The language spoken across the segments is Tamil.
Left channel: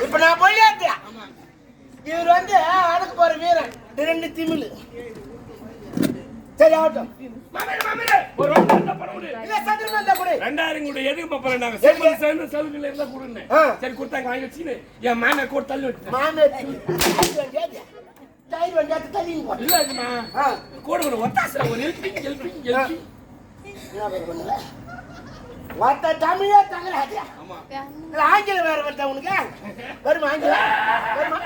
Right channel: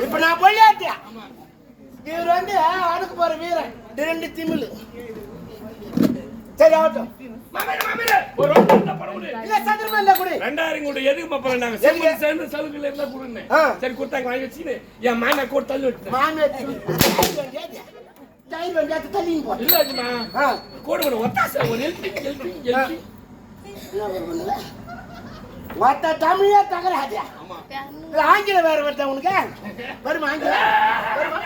இப்ப நான் போயிட்டேன் இவர் வந்து அடுக்கு போற வீரன் ரெண்டு திமிழ் சரி ஆகட்டும் ஒரு ரெண்டாயிரம் கூட எதுக்கு மாப்பிள்ள நாங்க செம்மண் சேர்ந்து சலுகையில இருந்தா ஆ. சரி கொடுத்தாங்க வாங்கி வச்சுன்னு என் மேன கூட தள்ளி விட்டு மாமே தயிர் வெங்காயத்தை தள்ளிங்க போட்டு இல்ல இதுனா ஆ. கூட ஒரு ஒத்தாசை ஒரு ஹெல்பிங் ஹெல்பிங் ஹெல்பிங் என்ன பண்ணுங்க ஒத்த தமிழே தகராது ஆமா. இல்ல ஆங்கிலம் வேற வருதா உனக்கு. வருமா ஆங்கிலம்? வருமா?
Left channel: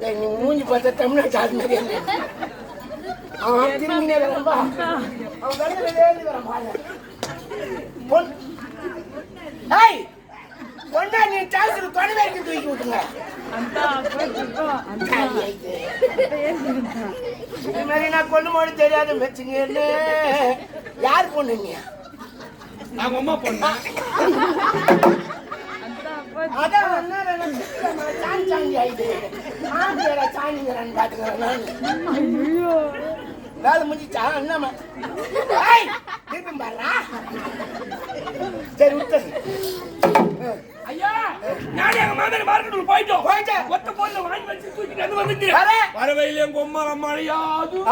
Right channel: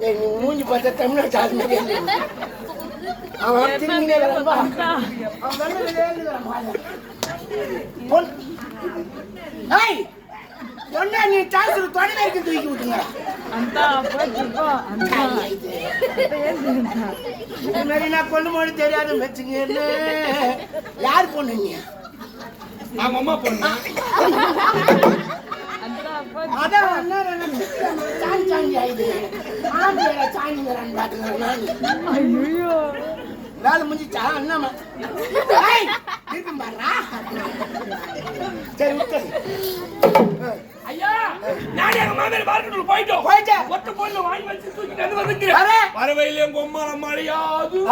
நீ மூஞ்சி பார்த்தா தமிழ்நாட்டு ஆள் மாதிரி இல்லை. அவன் திரும்பினே வரம்பா அவன் வந்து வெளியே வரான் பாரு. ஒன்னா நீ டாய்ஸ் தொலை வரைக்கும் தூக்கி விட்டுங்க அந்த அப்போ அந்த. இது மாதிரி நான் கொண்டு போன தெரியாத வச்சுக்கன்னு யார் பொண்ணு நீ? அவங்க அம்மா பொண்ணு. அதான் ஒன்று சாணி ஆயிடுது சாணி பாத்துக்கிறேன் நான் வேலை முடிஞ்சிச்சா? என்னம்மா சரி விட்டு போயிட்டோம் போயிட்டேன். ஒத்த வாங்கி வச்சு தூக்கிட்டு வந்து வர. வரவையில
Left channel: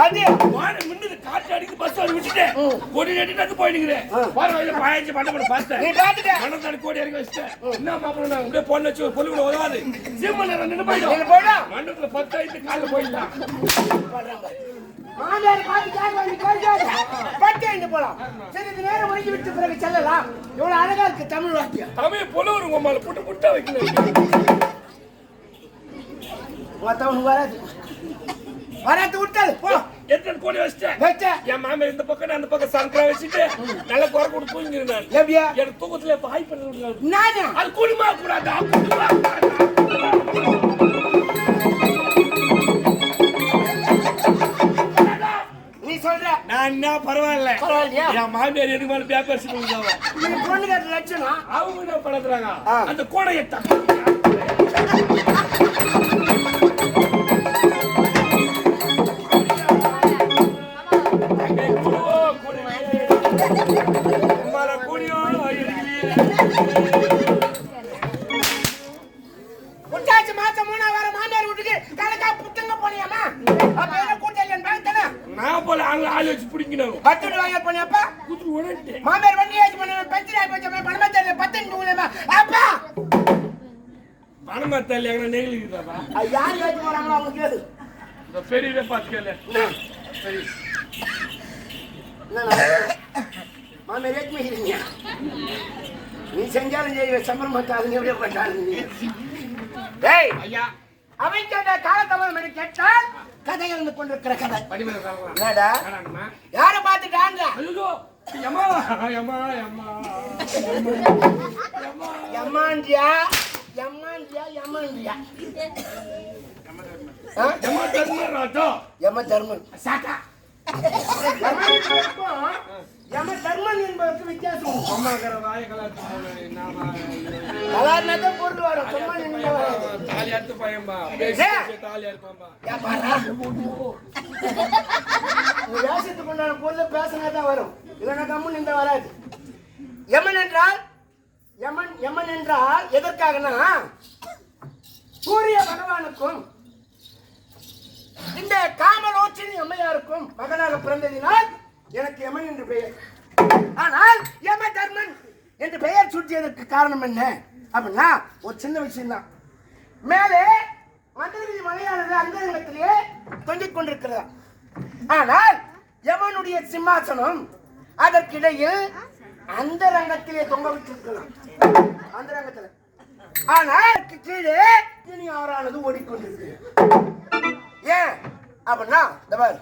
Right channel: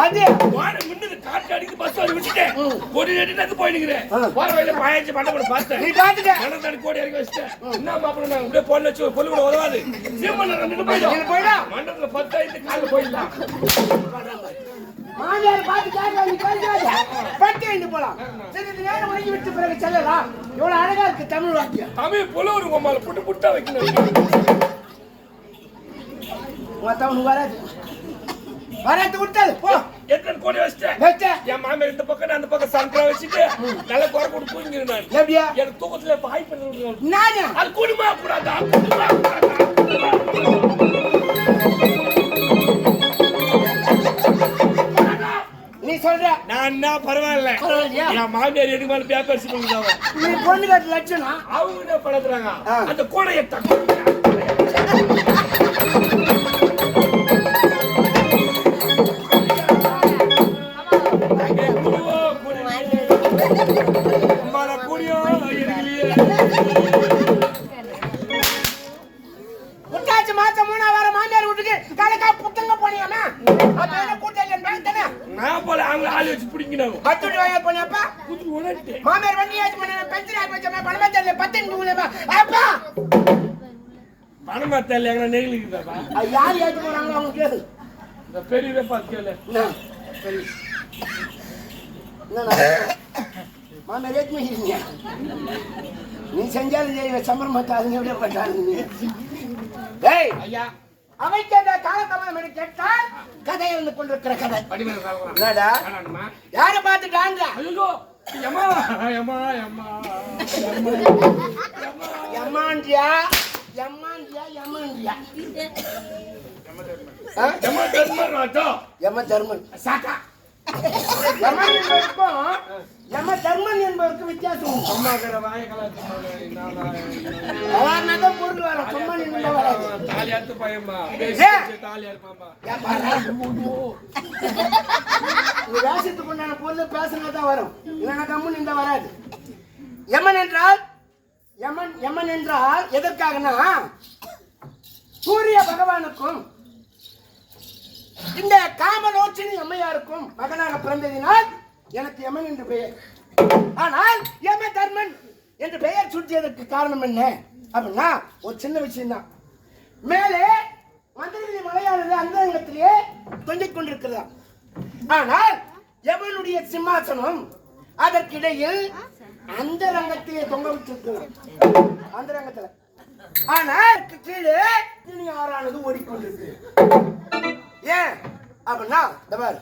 அது வான மின்னது காற்று அடிக்கு பஸ் வந்து விட்டுட்டேன். ஒரு நெட்டு நட்டு போயினுக்கிறேன். ம். வரவையில பாயாச்சு பண்ண பண்ண பார்த்தேன். நீ பாத்துக்க மணத்தாடி கோடி இறக்கி வச்சிட்டேன். என்ன மாப்பிள்ள நான் அப்படியே பொண்ணு வச்சு பொண்ணு கூட உதவாது. சீமன் நின்று போயிடும். போயிடும். மண்டபத்துல பத்து ஐந்து காலில் போயிடலாம். மாமியார் பார்த்து கேட்க பட்டு ஐந்து போலாம். சரி இது நேரம் ஒழுங்கி விட்டு பிறகு செல்லலாம். இவ்வளவு அழகா இருக்கு தமிழ் வாக்கியம். தமிழ் புலவர் உங்க அம்மால புட்டு புட்டா வைக்கணும். மத்தவனுக்கு வராது வராது விட்டாது போ எத்தனை கோடி வச்சிட்டேன் வச்ச என் மாமியார் இந்த பக்கம் நான் அந்த பக்கம் சங்கரா வச்சுட்டு நல்ல குறை கொடுத்து தூங்கிருந்தேன் எப்படியா எனக்கு தூக்கத்துல இப்ப ஹாய் பண்ணி. நானு அது குடும்பா கூடாதா குடும்பா கூடாதா நீ சொல்ற நான் என்ன பரவாயில்ல பரவாயில்லையா என் மாமியார் எனக்கு மேல பேப்பர் சொல்லுதாவோ நீ பொண்ணு கட்டு லட்சணம் அவங்க என்ன படுத்துறாங்க ஆ. அந்த கோடையை தக்க புட்டாச்சு மாசம் மூணா வாரம் மாமியார் வீட்டுக்கு கலக்கா புத்தங்க போனியாமா அப்ப கூட்டாளி பாக்கத்தானே நான் போல அவங்க ஆள் வச்சு பிடிக்கணும் பத்து வாங்க போனியாப்பா மாமியார் வண்டி ஆச்சு பண்ண பென்ஷன் ஆகி போச்சா பணமே தெரியல பத்து உங்களேமா அப்பா! பணமா தெரியல எங்க அது யார் ஏற்றி போறாங்களோ அவங்க கேளு இந்த பெரியவே பார்த்து கேளு. சரி. மாமியார் ஏற்றி வைக்கிறீங்க நீ செஞ்சாலும் சம்பரம் மாட்டாது எப்படியே நீ. டேய் ஐயா. அவைக்கின்ற காலத்தமனம் என்று கேட்டால் கதை இருந்து கொண்டிருக்கிற கதை. என்னடா? யாரை பார்த்துட்டாங்க ஐயோ எம்மா எம்மா எம்மா. யமாண்டியா யமாண்டியா ஆ? எம்மா தர்மராஜா. யம தர்மன் சாக்கா யம தர்மன் என்பதற்கு வித்தியாசம் உண்டு. அம்மாக்கிற வாய கலாச்சு சாதாரணதான் பொருள் வரும் சும்மா நின்று வராது தாலி அறுத்து பையம்மா ஏய். தாலி அறுப்பாம்பா வேஷத்துக்கு உண்டான பொருள் பேசினா தான் வரும் இல்லைன்னா கம்முன்னு இந்த வராது யமன் என்றால் யமன் யமன் என்றால் எதற்காகனா சூரிய பகவானுக்கும் இந்த காமலோற்றின் எம்மையாருக்கும் மகனாக பிறந்ததினால் எனக்கு எமன் என்று பெயர். ஆனால் எம தர்மன் என்று பெயர் சுற்றியதற்கு காரணம் என்ன? அப்படின்னா ஒரு சின்ன விஷயம்தான். மேலே மந்திரகிரி மலையானது அந்தரங்கத்திலே தொங்கிக் கொண்டிருக்கிறதா? ஆனால் யமனுடைய சிம்மாசனம் அதற்கிடையில் அந்தரங்கத்திலே தொங்க விட்டிருக்கலாம் அந்தரங்கத்தில். ஆனால் கீழே இனி ஆறானது ஓடிக்கொண்டிருக்கு ஏன்? அப்படின்னா இந்த பாரு.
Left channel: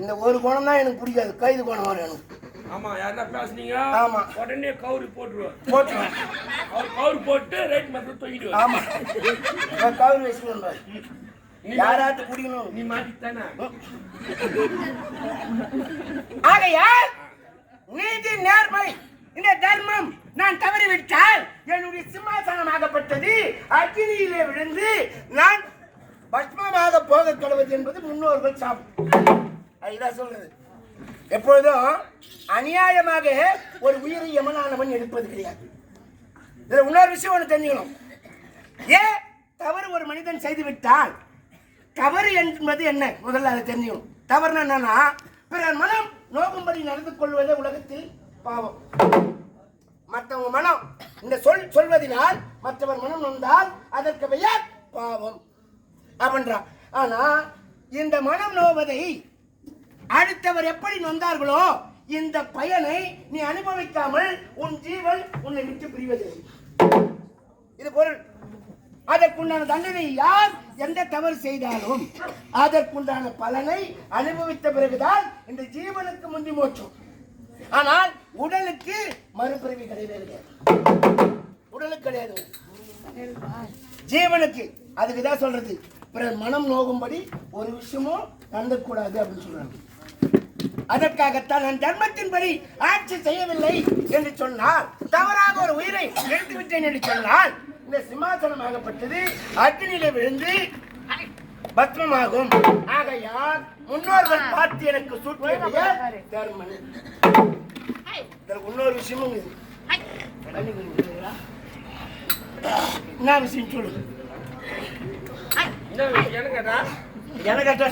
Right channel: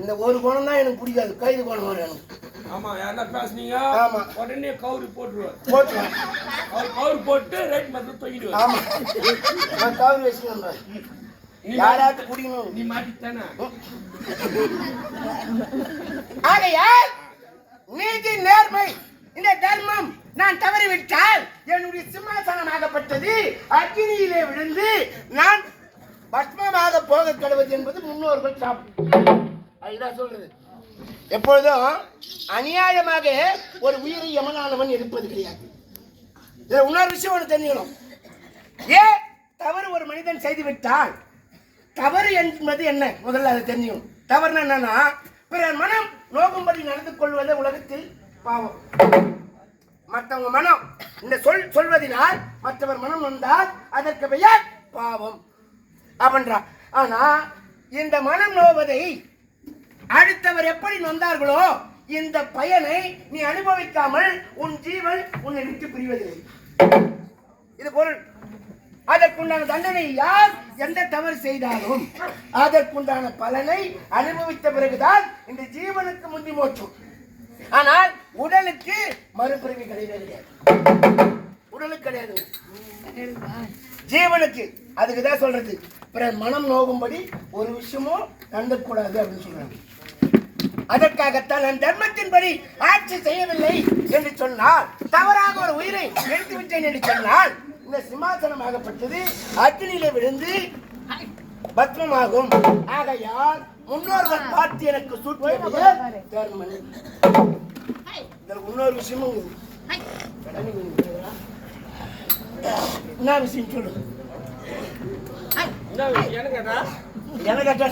இந்த ஒரு குணம் தான் எனக்கு பிடிக்காது. கைது குணம் வரும் எனக்கு. ஆமா யாரா பேசுனீங்க? ஆமா. உடனே கவுரு போட்டுருவார். போட்டுருவேன் அவர் கவுரு போட்டு ரைட் மட்டும் தூக்கிடுவார். ஆமா. நான் கவுரி வச்சுக்கிறேன் யாராச்சும் குடிக்கணும் நீ மாட்டித்தானே ஆகையால் நீதி நேர்மை. இந்த தர்மம் நான் தவறிவிட்டால் என்னுடைய சிம்மாசனமாகப்பட்டது. அக்னியிலே விழுந்து நான் பஸ்மமாக போக கழுவது என்பது முன்னோர்கள் சாப்பிடும் அதுதான் சொல்றது. எப்பொழுதும் அநியாயமாக ஒரு உயிரை யமனானவன் எடுப்பது கிடையாது. இன்னொரு விஷயம் ஒன்று தெரிஞ்சுக்கணும். ஏன் தவறு ஒரு மனிதன் செய்துவிட்டால் தவறு என்பது என்ன? முதல்ல அதை தெரிஞ்சுக்கணும். தவறுனா என்னன்னா பிறர் மனம் நோக்கும்படி நடந்து கொள்வதே உலகத்தில் பாவம். மற்றவங்க மனம் இந்த சொல் சொல்வதினால் மற்றவர் மனம் வந்தால் அதற்கு பெயர் பாவம். அப்படின்றா ஆனா இந்த மனம் நோவதை அடுத்தவர் எப்படி நொந்தார்களோ இந்த பயனை நீ அனுபவிக்காமல் உன் ஜீவன் உன்னை விட்டு பிரிவதில்லை. இது பொருள். அதற்குண்டான தண்டனை யார்? எந்த தவறு செய்தாலும் அதற்குண்டான பலனை அனுபவித்த பிறகுதான் இந்த ஜீவனுக்கு முந்தி மோட்சம். ஆனால் உடலுக்கு மறுபிறவி கிடையவே கிடையாது. உடலுக்கு கிடையாது. ஜீவனுக்கு. அதுக்கு தான் சொல்றது. பிறர் மனம் நோகும்படி ஒரு விஷயமும் நடந்துக்கூடாது அப்படின்னு சொல்றாங்க. அதற்காகத்தான் நான் தர்மத்தின்படி ஆட்சி செய்யவில்லை என்று சொன்னால் தவறாக ஒரு உயிரை எடுத்துவிட்டேன் என்று சொன்னால் இந்த சிம்மாசனமாகப்பட்டது அக்னியில விழுந்து பத்மமாகும். ஆகையால் முன்னோர்கள் பார்த்து எனக்கு சூட்டிய தர்மன் இதற்கு இன்னொரு விஷயமும் இது. என்ன விஷயம் சொல்லு? என்ன என்ன கேட்டா என்ன கேட்டா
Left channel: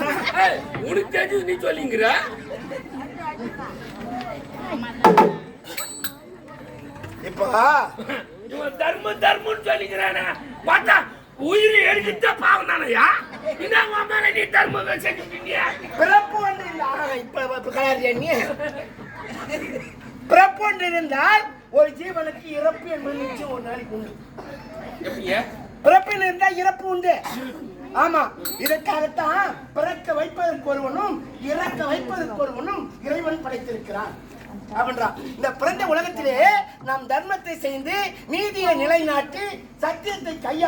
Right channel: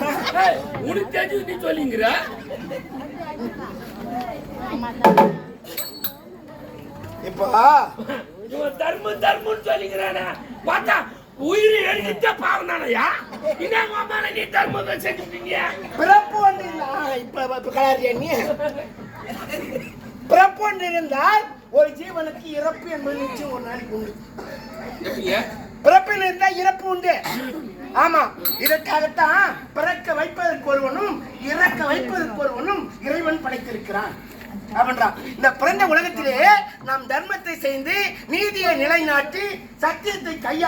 உனக்கு தெரிஞ்சது நீ சொல்லிங்கிற இப்போ இவன் தர்மம் தர்மம்னு சொல்லிக்கிறானே. பார்த்தா உயிர் எடுக்கிட்ட பாவம் தானையா என்ன உன் மேல நீ தர்மம் செஞ்சுட்டீங்க பிறப்பு ஒன்று இல்ல ஆ, இப்ப இப்ப கலாரியா நீ பிறப்பு ஒன்று இருந்தால் ஒரு ஜீவனுக்கு இறப்பு என்பது நிச்சயம் ஒரு நாளைக்கு உண்டு. பிறப்பில் இருந்தால் இறப்பு உண்டு. ஆமா இதற்காகத்தான் பிறக்க வைப்பதற்கு ஒருவனும் இறக்க வைப்பதற்கு ஒருவனும் இறைவன் படைத்திருக்கிறான். அப்படின்றான் இந்த பிறந்த உலகத்திலே நாம் தர்மத்தை செய்து நீதியை நிலைநாட்டி சத்தியத்தை கையா